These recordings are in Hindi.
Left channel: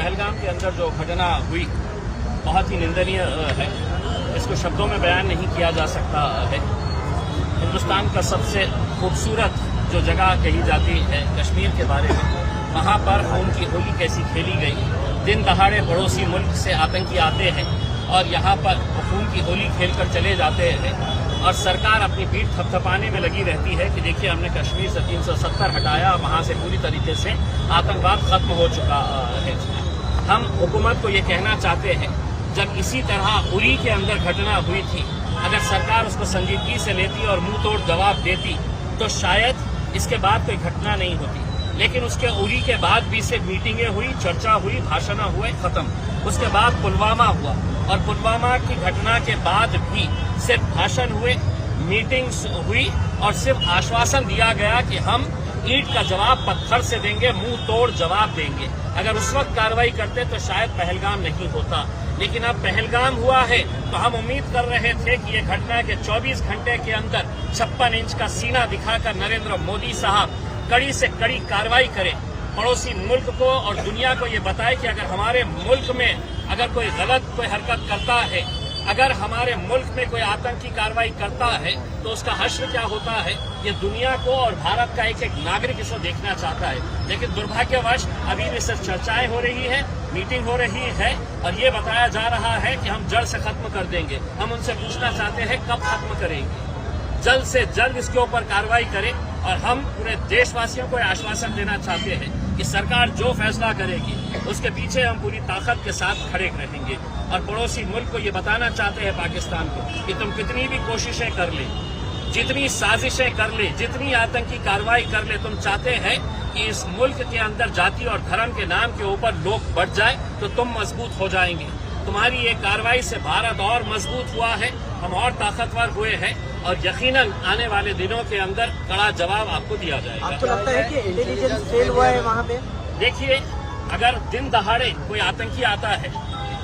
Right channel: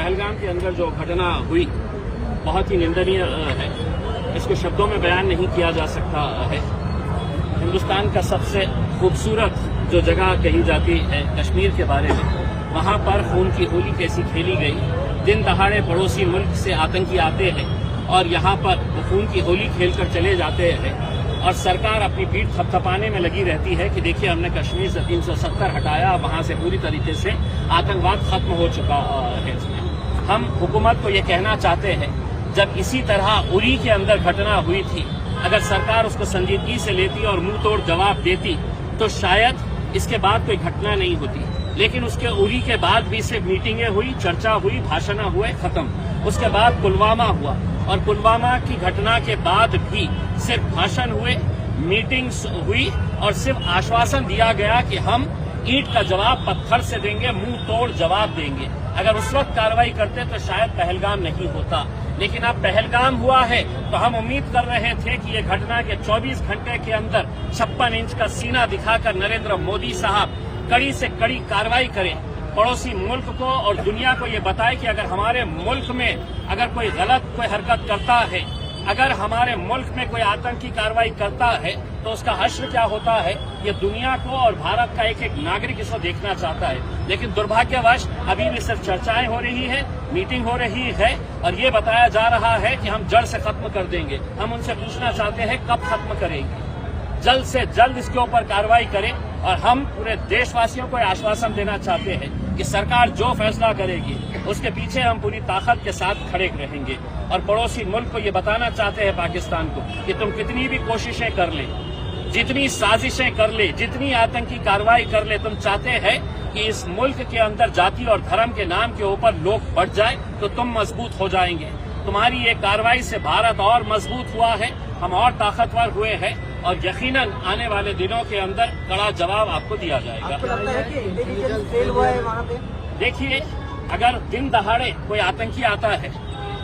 पहलगाम के अंदर जो घटना हुई बहुत ही निंदनीय है। इसको शब्दों में बयान नहीं किया जा सकता है। हिंदुस्तान का सबसे खूबसूरत जो जगह कही जाती है कश्मीर के बारे में, वहां पर खून की होली कैसी खेली गई। दिन दहाड़े पड़ोसी मुल्क से आतंकी आते हैं और यहाँ पर वो खून की होली खेलकर चले जाते हैं और सरकार अपनी पीठ थपथपाने में लगी रहती है कि देखिए हमने कश्मीर से 370 हटाया, वहां से पूरी तरीके से आतंकवाद खत्म हो चुका है। हम हुकूमत को ये कहना चाहते हैं, जब इसी तरह उरी के अंदर घटना हुई थी, अगर सरकार उसको संजीदगी से लेती और मुंह तोड़ जवाब देती तो शायद इसके बाद कोई घटना नहीं होती। लेकिन उसके उरी के बाद भी सिर्फ मीटिंगें हुई, चर्चा हुई, भाषण हुए, खत्म। उसके बाद पुलवामा हुआ और पुलवामा की घटना के बाद भी सिर्फ भाषण हुए, मीटिंग्स हुई और सिर्फ आश्वासन दिया गया कि हम ईंट का जवाब पत्थर से देंगे, मुंह तोड़ जवाब देंगे। अगर उस वक्त कार्रवाई करते तो शायद पहलगाम नहीं होता। लेकिन अब पहलगाम हुआ है तो हम उम्मीद कर रहे थे कि ये घटना के 24 घंटे के अंदर 56 इंच का सीना दिखाकर नरेंद्र मोदी साहब कड़ी से कड़ी कार्रवाई करें, पड़ोसी मुल्क को और दुनिया को ये बताए कि अगर हमारे मुल्क में अगर कोई गलत कोई हरकत करता है, अगर हमारे मुल्क में कोई आतंकी कार्रवाई करता है तो उसका हश्र क्या होता है, ये दुनिया को और भारत का एक एक नागरिक इसको देखना चाहता है। लेकिन दुर्भाग्यवश अभी भी सिर्फ चर्चाएं हो रही है, मीटिंग हो रही है और ये बताया जा रहा है कि हम जड़ से खत्म कर देंगे। हम उनसे पूछना चाहते हैं कब खत्म करेंगे? जल्द से जल्द इसके ऊपर कार्रवाई करें और हम पूरे देशवासियों को आश्वासन देना चाहते हैं कि सरकार जो फैसला करेगी उसके पीछे हम पूरी ताकत के साथ खड़े रहेंगे। और पड़ोसी मुल्क को ये बताना चाहते हैं पाकिस्तान को कि तुम कितनी भी कोशिशें कर ले, जितनी साजिशें कर ले, जितनी आतंकी कार्रवाई कर ले, तुम चाहते हैं कि इस मुल्क के अंदर जाति और धर्म के नाम के ऊपर लोग बढ़ जाए तो तुम मजबूत हो जाएंगे। तुम्हारी ये कार्रवाई से भारत और मजबूत हुआ है, हम और ताकतवर हुए हैं और यकीनन आने वाले दिनों के अंदर कड़ा जवाब आपको दिया जाएगा। देखिए, अगर दिन दहाड़े कोई आतंकी आता है,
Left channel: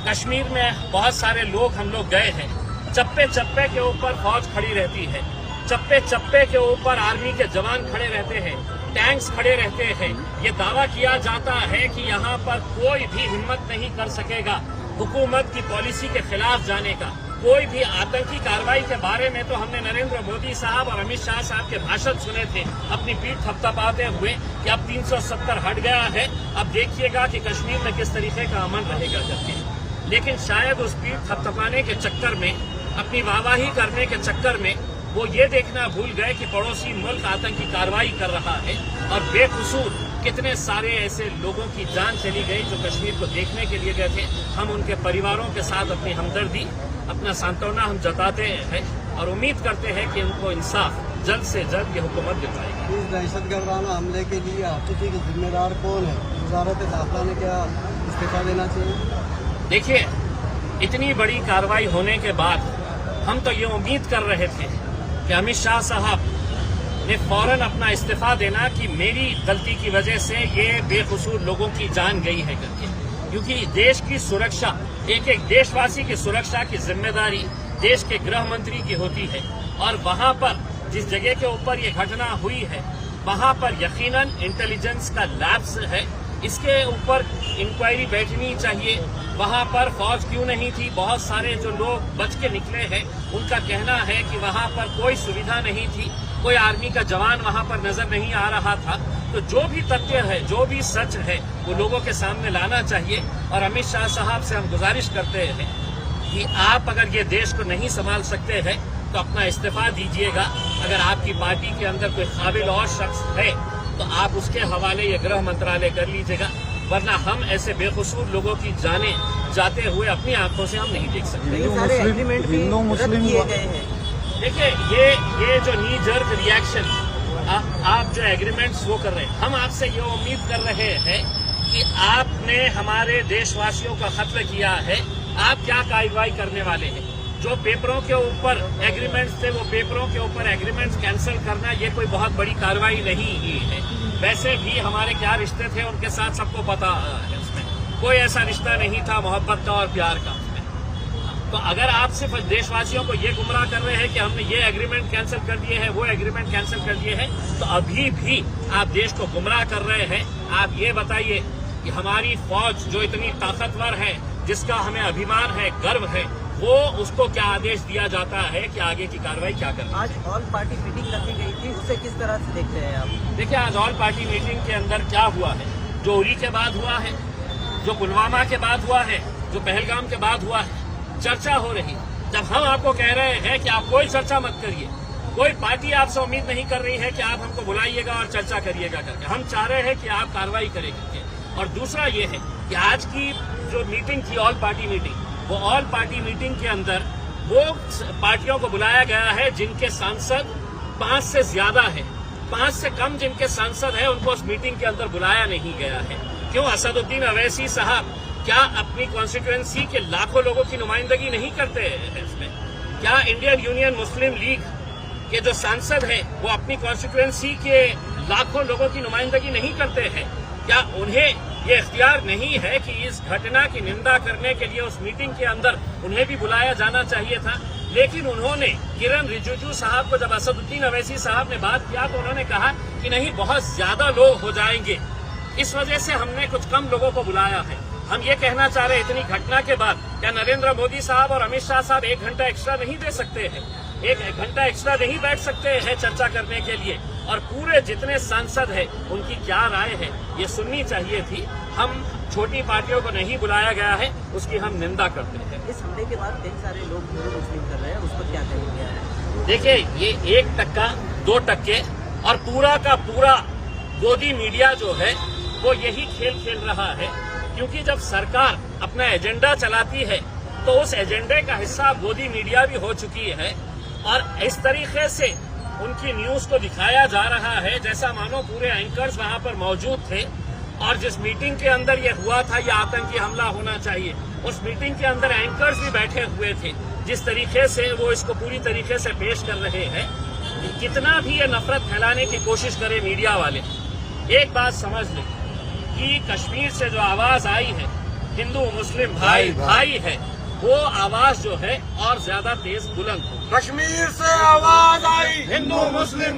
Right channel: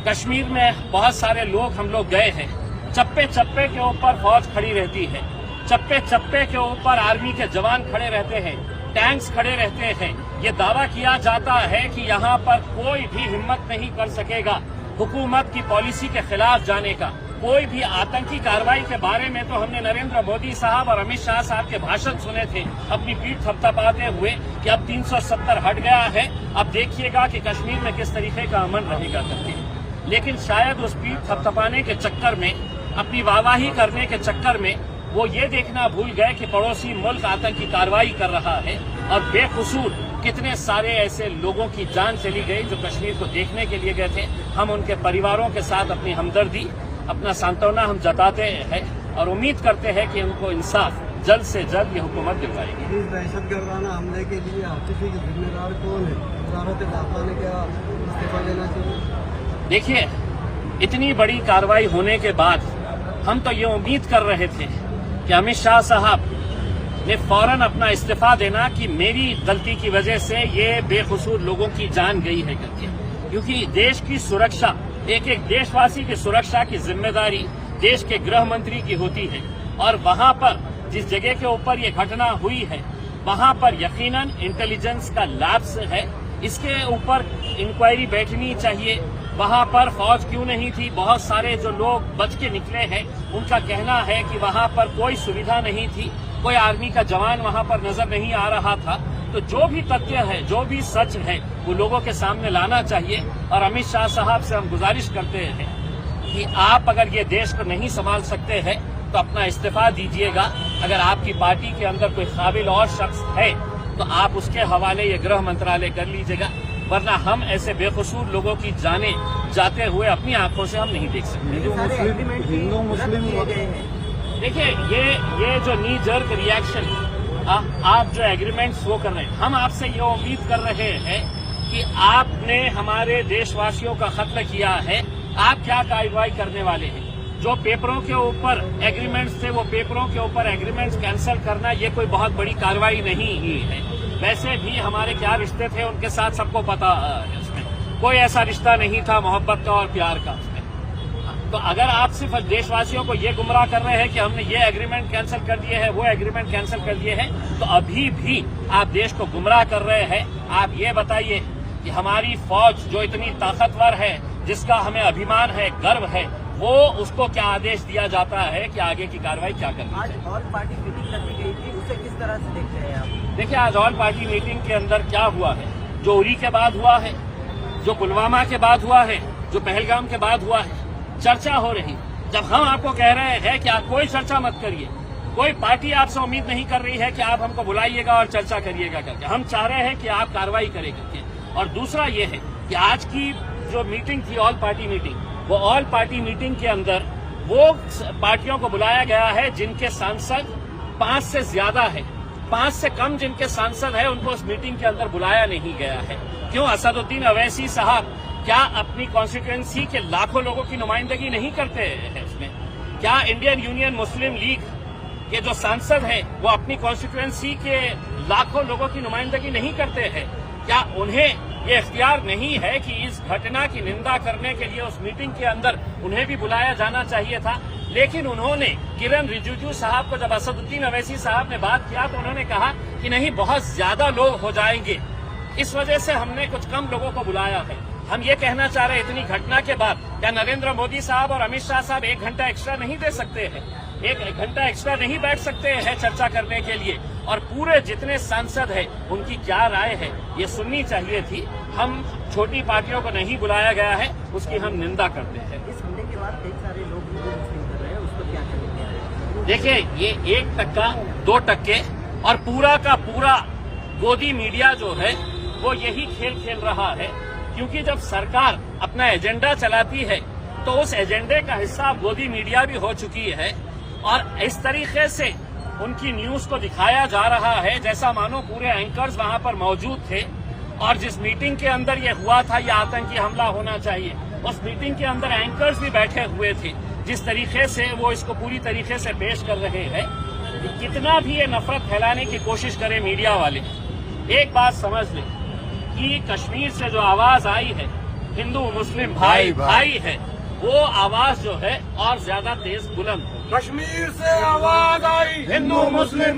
कश्मीर में बहुत सारे लोग हम लोग गए हैं, चप्पे चप्पे के ऊपर फौज खड़ी रहती है, चप्पे चप्पे के ऊपर आर्मी के जवान खड़े रहते हैं, टैंक्स खड़े रहते हैं। ये दावा किया जाता है कि यहाँ पर कोई भी हिम्मत नहीं कर सकेगा हुकूमत की पॉलिसी के खिलाफ जाने का। कोई भी आतंकी कार्रवाई के बारे में तो हमने नरेंद्र मोदी साहब और अमित शाह साहब के भाषण सुने थे अपनी पीठ थपथपाते हुए कि अब 370 हट गया है, अब देखिएगा कि कश्मीर में किस तरीके का अमन रहेगा करके। लेकिन शायद उस पीठ थपथपाने के चक्कर में, अपनी वाहवाही करने के चक्कर में वो ये देखना भूल गए कि पड़ोसी मुल्क आतंकी कार्रवाई कर रहा है और बेकसूर कितने सारे ऐसे लोगों की जान चली गई जो कश्मीर को देखने के लिए गए थे। हम उनके परिवारों के साथ अपनी हमदर्दी, अपना सांत्वना हम जताते हैं और उम्मीद करते हैं कि उनको इंसाफ जल्द से जल्द ये हुकूमत दिलवाएगी। इस दहशतगर्दाना हमले के लिए आतिशी के जिम्मेदार कौन है? भारत भाजपा ने क्या इस्तीफा देना चाहिए? देखिए, इतनी बड़ी कार्रवाई होने के बाद हम तो ये उम्मीद कर रहे थे कि अमित शाह साहब ने फौरन अपना इस्तीफा देना कि मेरी गलती की वजह से ये बेकसूर लोगों की जान गई है करके। क्योंकि देश की सुरक्षा, एक एक देशवासी की सुरक्षा की जिम्मेदारी देश के गृह मंत्री की होती है और वहां पर जिस जगह के ऊपर ये घटना हुई है वहां पर यकीनन इंटेलिजेंस का लैप्स है। इसके ऊपर इंक्वायरी बैठनी चाहिए। वहां पर फौज क्यों नहीं थी? बहुत सारे जो लोग बच के निकले हैं उनका कहना है कि वहां पर कोई सुविधा नहीं थी, कोई आर्मी का जवान वहां पर नजर नहीं आ रहा था। तो जो भी तथ्य है, जो भी सच है, वो लोगों के सामने लाना चाहिए। और अमित शाह साहब से हम गुजारिश करते हैं कि आप अगर ये देश को नहीं संभाल सकते हैं तो अपना इस्तीफा दीजिएगा। अगर आपकी पार्टी के अंदर कोई काबिल और शख्स है तो आप उसके हवाले ये गृह मंत्रालय कर लीजिएगा, वरना हम ऐसे बेकसूर लोगों की जानें जाते हुए अपनी आंखों से हम नहीं देख सकते। हिंदू मुस्लिम देखिए, ये जो नी जर्क रिएक्शन आप जो एग्रीमेंट्स वो कर रहे हैं, हम आपसे ये उम्मीद कर रहे हैं कि आपने हमारे देशवासियों का कत्ल किया है, आप क्या कार्रवाई करने वाले हैं? जो पेपरों के ऊपर एग्रीमेंट्स थे वो पेपरों के ऊपर एग्रीमेंट्स कैंसिल करना ये कोई बहुत बड़ी कार्रवाई नहीं ही है। वैसे भी हमारे क्या रिश्ते थे उनके साथ सबको पता है, उसमें कोई ऐसा रिश्ता नहीं था मोहब्बत का और प्यार का उसमें। तो अगर आप सिर्फ देशवासियों को ये गुमराह कर रहे हैं कि हमने ये एग्रीमेंट कैंसिल कर दिए हैं, वो एग्रीमेंट कैंसिल कर दिए हैं, तो अभी भी आप देश को गुमराह कर रहे हैं। आप ये बताइए कि हमारी फौज जो इतनी ताकतवर है, जिसका हमें अभिमान है, गर्व है, वो उसको क्या आदेश दिया जाता है कि आगे की कार्रवाई क्या करनी है। आज ऑल पार्टी मीटिंग रखी गई थी, उसे किस तरह से देखते हैं आप? देखिए, आज ऑल पार्टी मीटिंग के अंदर क्या हुआ है, जो उरी के बाद हुआ है, जो पुलवामा के बाद हुआ है, जो पहलगाम के बाद हुआ है, चर्चा हो रही। जब हम आपको कह रहे हैं कि आप कोई चर्चा मत करिए, कोई पार्टी आपसे उम्मीद नहीं कर रही है कि आप हमको बुलाइएगा और चर्चा करिएगा करके, हम चाह रहे हैं कि आप कार्रवाई करें करके। और दूसरा ये है कि आज की जो मीटिंग थी ऑल पार्टी मीटिंग, वो ऑल पार्टी मीटिंग के अंदर वो पार्टियों को बुलाया गया है जिनके सांसद 5 से ज्यादा है, 5 से कम जिनके सांसद है उनको उस मीटिंग के अंदर बुलाया नहीं गया है। क्यों? असदुद्दीन अवैसी साहब क्या अपनी कॉन्स्टिट्यूएंसी के लाखों लोगों की नुमाइंदगी नहीं करते हैं इसमें? क्या इंडियन यूनियन मुस्लिम लीग के जो सांसद हैं वो अपनी कॉन्स्टिट्यूएंसी के लाखों लोगों की नुमाइंदगी नहीं करते हैं? क्या उन्हें ये इख्तियार नहीं है कि इस घटना की निंदा करने के लिए उस मीटिंग के अंदर उन्हें भी बुलाया जाना चाहिए था? लेकिन उन्होंने किरण रिजिजू साहब को, जब असदुद्दीन अवैसी साहब ने बात किया तो उन्होंने कहा कि नहीं, बहुत ज्यादा लोग हो जाएंगे, इस वजह से हमने कुछ कम लोगों को बुलाया है। हम ये कहना चाह रहे हैं, इतनी घटना के बाद क्या नरेंद्र मोदी साहब और अमित शाह साहब 1 घंटा एक्स्ट्रा नहीं दे सकते हैं? 1 घंटा एक्स्ट्रा नहीं बैठ सकते हैं चर्चा करने के लिए? और पूरे जितने सांसद हैं उनकी क्या राय है ये सुननी चाहिए थी। हम छोटी पार्टियों को नहीं बुलाया गया है, उसकी हम निंदा करते हैं। इस हमले के बाद कई सारे लोग मुस्लिम कर रहे हैं, उसको क्या करेंगे? देखिए, ये 1%, 2% और पूरा का पूरा गोदी मीडिया जो है वो यही खेल खेल रहा है। क्योंकि जब सरकार अपना एजेंडा चलाती है तो उस एजेंडे का हिस्सा गोदी मीडिया भी हो चुकी है और इस तरीके से उनकी न्यूज को दिखाया जा रहा है जैसा मानो पूरे एंकर्स वहां पर मौजूद थे। और जिस मीटिंग के अंदर ये हुआ था, ये आतंकी हमला होना चाहिए, उस मीटिंग के अंदर एंकर्स भी बैठे हुए थे। जिस तरीके से वो इसको पूरी तरीके से पेश कर रहे हैं, कितना भी ये नफरत फैलाने की कोशिश करे मीडिया वाले, एक बात समझ लें कि कश्मीर से जो आवाज आई है, हिंदू मुस्लिम भाई भाई है, वो आवाज जो है और ज्यादा तेज बुलंद हो। कश्मीर से आवाज आई, हिंदू मुस्लिम